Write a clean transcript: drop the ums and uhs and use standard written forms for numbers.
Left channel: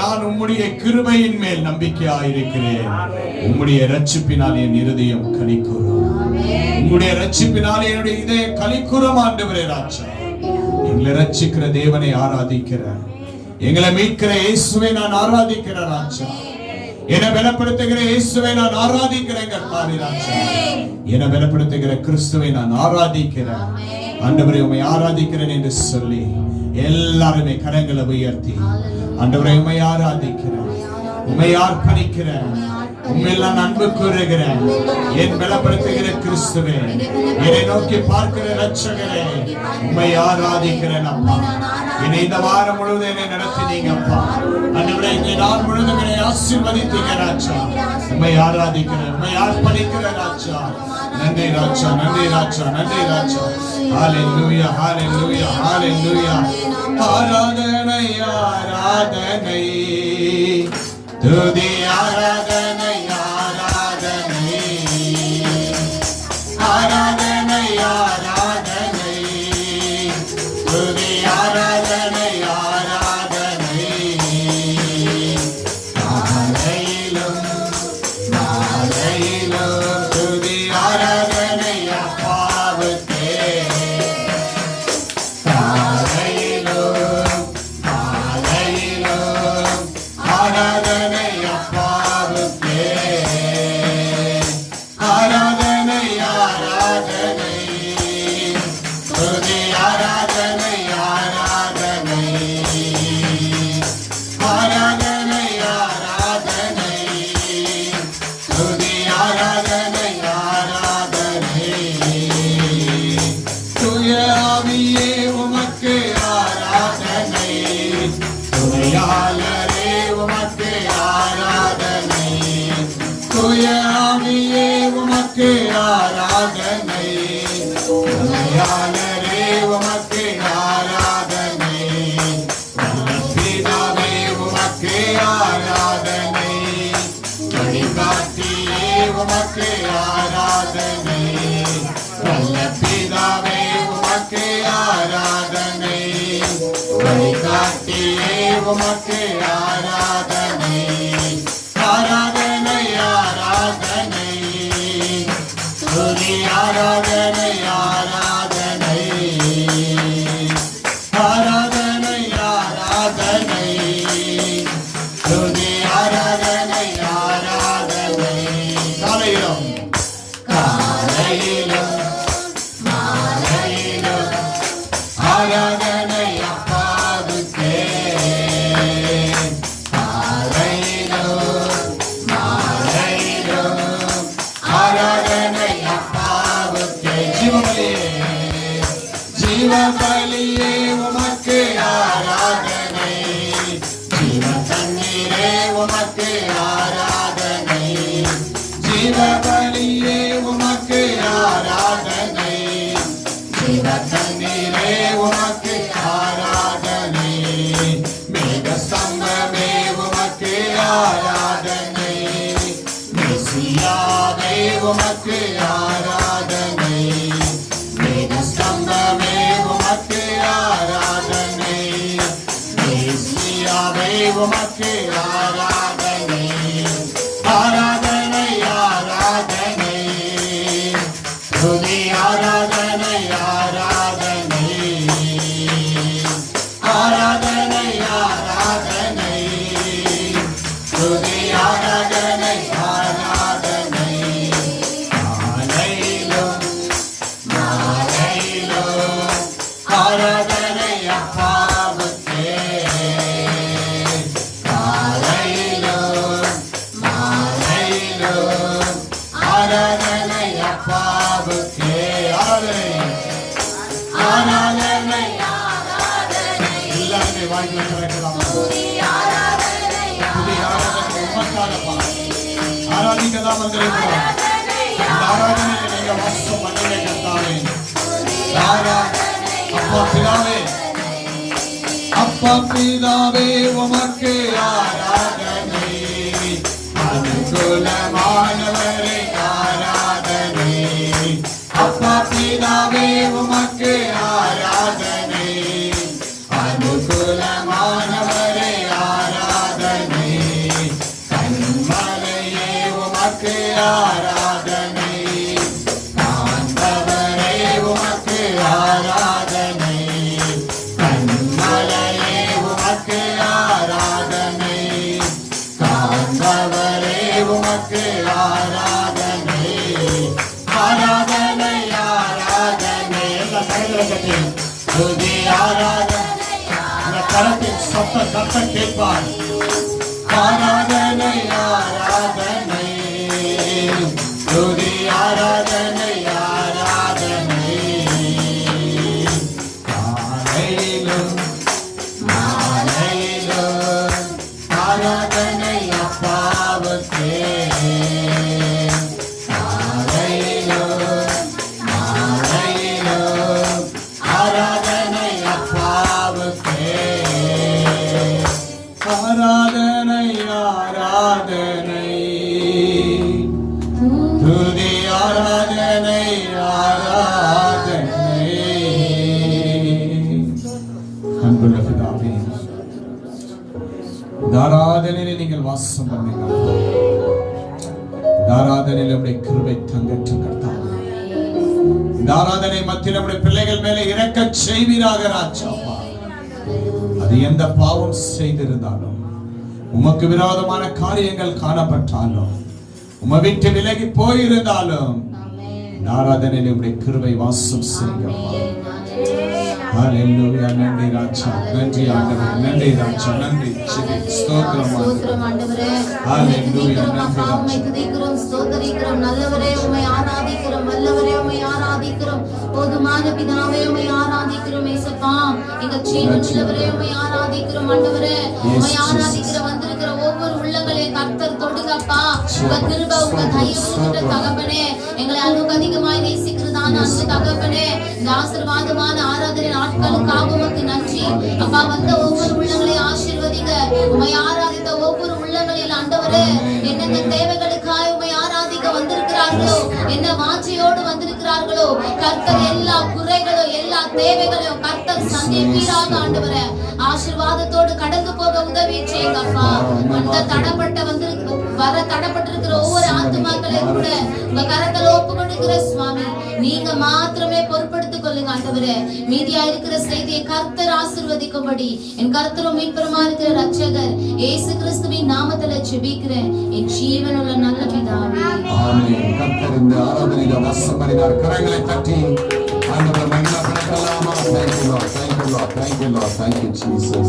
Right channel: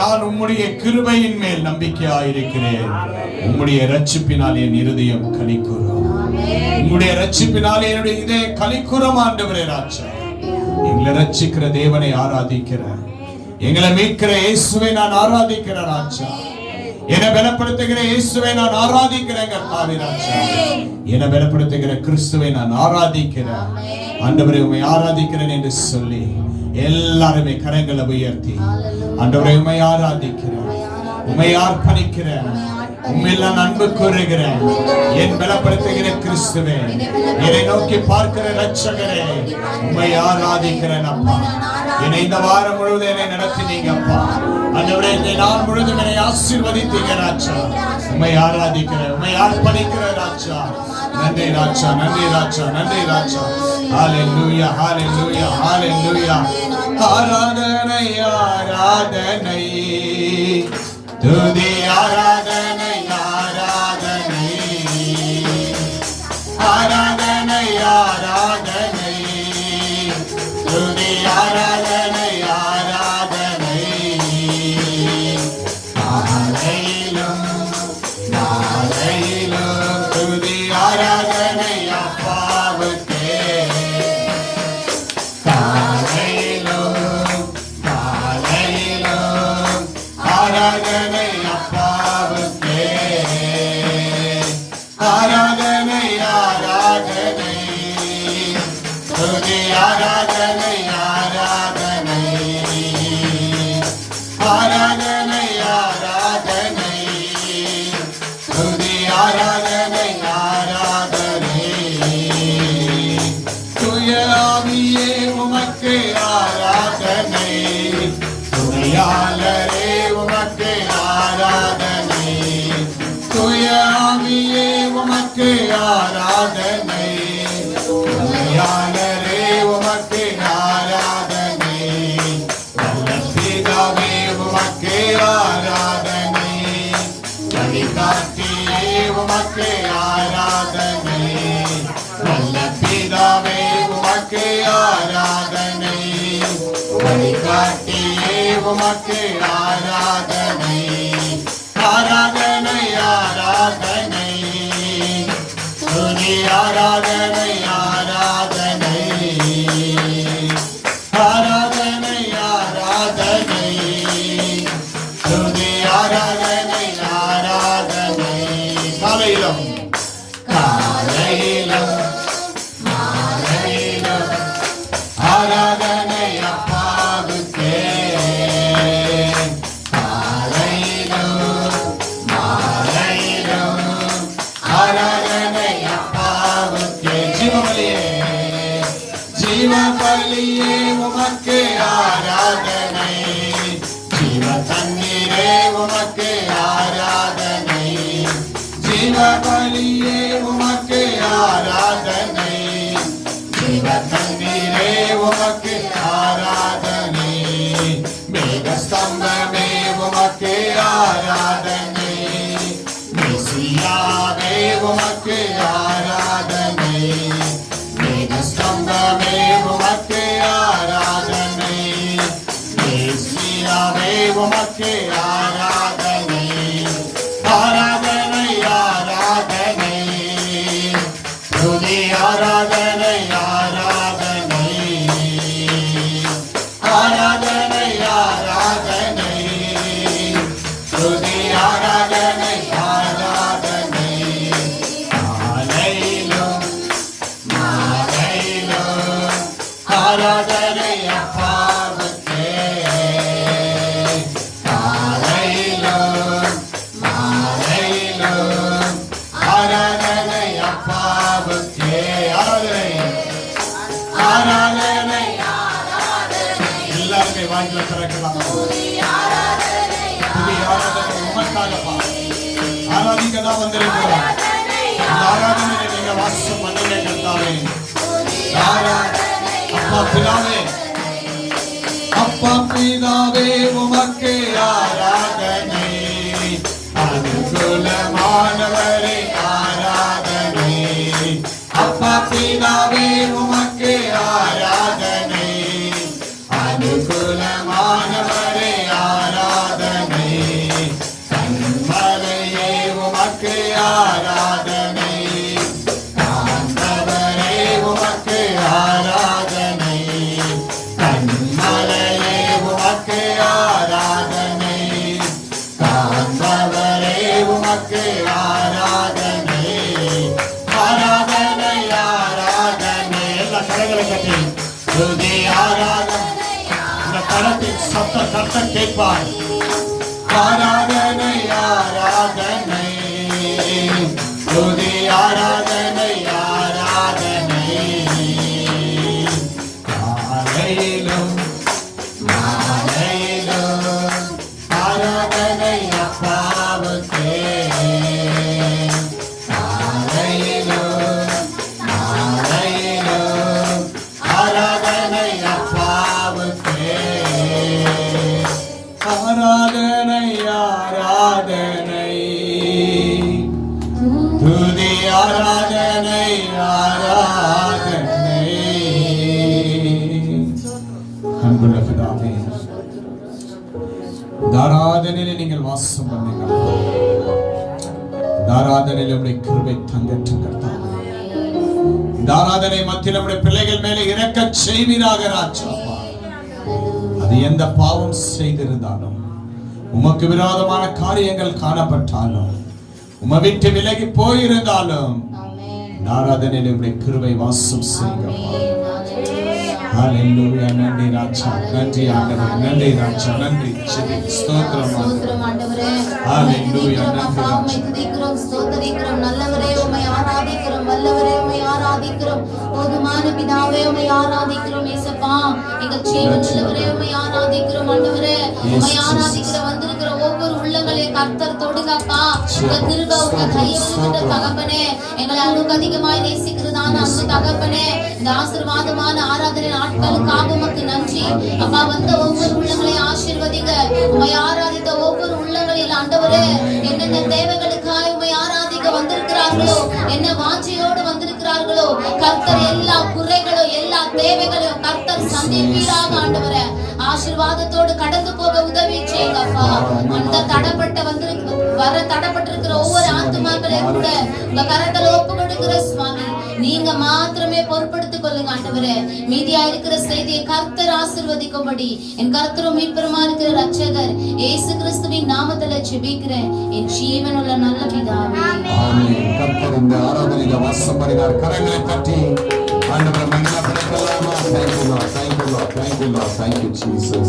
நான் உம்முடைய கிருபையின் மேல் நம்பிக்கையாயிருக்கிறேன். உம்முடைய இரட்சிப்பினால் என் இருதயம் கலிக்கூறும். உம்முடைய இரட்சிப்பினால் என்னுடைய இதயம் கலிக்கூறும். ஆண்டவரே ராஜா, எங்களை ரட்சிக்கிற தேவனை ஆராதிக்கிறேன். எங்களை மீட்கிற இயேசுவை நான் ஆராதிக்கிறேன் ராஜா. என்னை பலப்படுத்துகிற இயேசுவை நான் ஆராதிக்கிறேன் ராஜா. என்னை பலப்படுத்துகிற கிறிஸ்துவை நான் ஆராதிக்கிறேன். ஆண்டவரே உம்மை ஆராதிக்கிறேன் என்று சொல்லி எல்லாருமே கரங்களை உயர்த்தி ஆண்டவரே உம்மை ஆராதிக்கிறேன், உம்மை அர்ப்பணிக்கிறேன், உம்மில் நான் அன்பு கூறுகிறேன். என் பலப்படுத்துகிற கிறிஸ்துவே, என்னை நோக்கி பார்க்கிற ரட்சகரே, உம்மை ஆராதிக்கிறேன் அப்பா. என்னை இந்த வாரம் முழுவதும் என்னை நடத்தினீங்க அப்பா. ஆண்டவரே இந்த நாள் முழுவதும் என்னை ஆசீர்வதித்தீங்க ராஜா. உம்மை ஆராதிக்கிறேன், உம்மை அர்ப்பணிக்கிறேன் ராஜா. நன்றி ராஜா, நன்றி ராஜா, நன்றி ராஜா. ஹalleluya, ஹalleluya, ஹalleluya. ஆராதனை, ஆராதனை, துதி ஆராதனை, ஆராதனை, ஆராதனை, ஆராதனை, துதி ஆராதனை, ஆராதனை. நாளையிலும் நாளையிலும் துதி ஆராதனை அப்பாவுக்கே. நாளையிலும் நாளையிலும் ஆராதனை அப்பாவுக்கே. ஆராதனை, ஆராதனை, துதி ஆராதனை, ஆராதனை, ஆராதனை, ஆராதனை, துதி ஆராதனை, ஆராதனை. தூய ஆவியே உமக்கு ஆராதனை, துணையாளரே உமக்கு ஆராதனை, தூய ஆவியே உமக்கு ஆராதனை, துணையாளரே உமக்கு ஆராதனை, பிதாவே உமக்கு ஆராதனை, வழிகாட்டியே உமக்கு ஆராதனை, நல்ல பிதாவே உமக்கு ஆராதனை, வழிகாட்டியே உமக்கு ஆராதனை. ஆராதனை, ஆராதனை, துதி ஆராதனை, ஆராதனை, ஆராதனை, ஆராதனை, துதி ஆராதனை, ஆராதனை. காலையிலும் காலையிலும் மாலையிலும் ஆராதனை அப்பாவுக்கே. காலையிலும் மாலையிலும் ஆராதனை அப்பாவுக்கே. ஜீவபலியே, ஜீவபலியே உமக்கு ஆராதனை, ஜீவ தண்ணீரே உமக்கு ஆராதனை, ஜீவபலியே உமக்கு ஆராதனை, ஜீவ தண்ணீரே உமக்கு ஆராதனை, மேகஸ்தம்பமே உமக்கு ஆராதனை, மெசியாவே உமக்கு ஆராதனை, மேகஸ்தம்பமே உமக்கு ஆராதனை, மெசியாவே உமக்கு ஆராதனை. ஆராதனை, ஆராதனை, துதி ஆராதனை, ஆராதனை, ஆராதனை, ஆராதனை, துதி ஆராதனை, ஆராதனை. காலையிலும் மாலையிலும் ஆராதனை அப்பாவுக்கே. காலையிலும் மாலையிலும் ஆராதனை அப்பாவுக்கே. ஆராதனை, ஆராதனை, எல்லாருமே வாங்கி வைக்கலாம். புதிய ஆராதனை உமக்காகப்பா ஆராதிக்கதான் வந்திருக்கிறோம். இந்த ஆராதனையை நீங்க வாசம் பண்ணீங்க கர்த்தாவே. அப்பா பிதாவே, அப்பா பிதாவே உமக்கு ஆராதனை, அனுகூலமானவரே ஆராதனை, அப்பா பிதாவே உமக்கு ஆராதனை, அனுகூலமானவரே ஆராதனை. கத்த கேட்பார். ஆராதனை ஆராதனை துதி ஆராதனை ஆராதனை காலையிலும் மாலையிலும் ஆராதனை அப்பாவுக்கே. காலையிலும் மாலையிலும் ஆராதனை அப்பாவுக்கே. ஆராதனை ஆராதனை துதி ஆராதனை ஆராதனை. அன்புள்ள பிதாவே, இந்த ஆராதனையிலே நீங்கள் வாசம் பண்ணுங்கள். இந்த ஆராதனையில் நம்முடைய கிருபை தங்கட்டும் கர்த்தாவே. இந்த ஆராதனை மத்தியில் நம்முடைய பிள்ளைகள் மேலே இரக்க செய்வீராக ராஜா. அது எந்த பாவம் செய்திருந்தாலும், உமக்கு விரோதமான காரியங்கள் காணப்பட்டாலும், உம்மை விட்டு விலகி போயிருந்தாலும், ஆராதனையில் உம்முடைய கிருபை வாசம் செய்யுங்க. ஹல்லேலூயா. நன்றி ராஜா, நன்றி ஆண்டவரே, நன்றி ராஜா, நன்றி ஸ்தோத்திரம் ஆண்டவரே. ஹல்லேலூயா. நன்றி ராஜா, துதிக்கிறோம், ஸ்தோத்திரிக்கிறோம். நல்லவரே உம்மை ஆராதிக்கிறோம், வல்லவரே உம்மை ஆராதிக்கிறோம். போதுமான பிதாவே உம்மை ஆராதிக்கிறோம். இயேசப்பா, எங்கள் ஜீவனுள்ளவரே உம்மை ஆராதிக்கிறோம். ஆண்டவரே உம்மை ஆராதிக்கிற வந்திருக்கிற ஒவ்வொரு உள்ளங்களையும் கர்த்தர் தொடுங்கப்பா. உங்க கிருபை, உங்க தயவு தகப்பனே, எங்களை அளவுக்கு அதிகமாய் நேசிக்கிறதான அந்த தகப்பனே, இந்த ஆசீர்வாதமான ஆராதனை நாட்களுக்காக உமக்கு நன்றி அப்பா. வந்த ஒவ்வொரு உள்ளங்களையும் ஆசீர்வதிங்க. உம்மை ஆராதித்த ஒவ்வொரு உள்ளங்களில் ஆண்டவரே, என்னென்ன தேவைகளுக்காய் உம்மை ஆராதிக்க வந்திருக்கிறார்களோ, என்ன வாஞ்சையோடு வந்திருக்கிறார்களோ, கர்த்தர் எல்லா குறைகளோ எல்லா தேவைகளையும் கர்த்தர் சந்திப்பீராக ஆண்டவரே. ஆசீர்வாதத்தோடு கடந்து போக உதவி செய்யுங்கப்பா. அந்த தடப்பட்ட வர தடப்பட்டிருக்கிற ஒவ்வொரு ஆத்துமாக்களையும் கூட உங்க கரத்தில் ஒப்பு கொடுக்கிற சுவாமி, நீங்க மாத்திரமே பொறுப்படுத்திக் கொள்ளுங்க ஆண்டவரே. மீதியா இருக்கிற செய்தியை கர்த்தர் ஆசீர்வதிக்கும்படி என் கர்த்தரும் மீட்பருமா இருக்கிற ரட்சகர் இயேசு கிறிஸ்துவின் நாமத்தில் ஜெபிக்கிறேன் என் ஜீவனுள்ள நல்ல பிதாவே. ஆமென். கர்த்தர் இந்த ஆராதனையில வாசம் பண்ணினார். கரங்களை தட்டி ஆண்டவரை மகிமைப்படுத்தலாமா? Thank you Lord, thank you Lord, thank you Lord, thank you Jesus.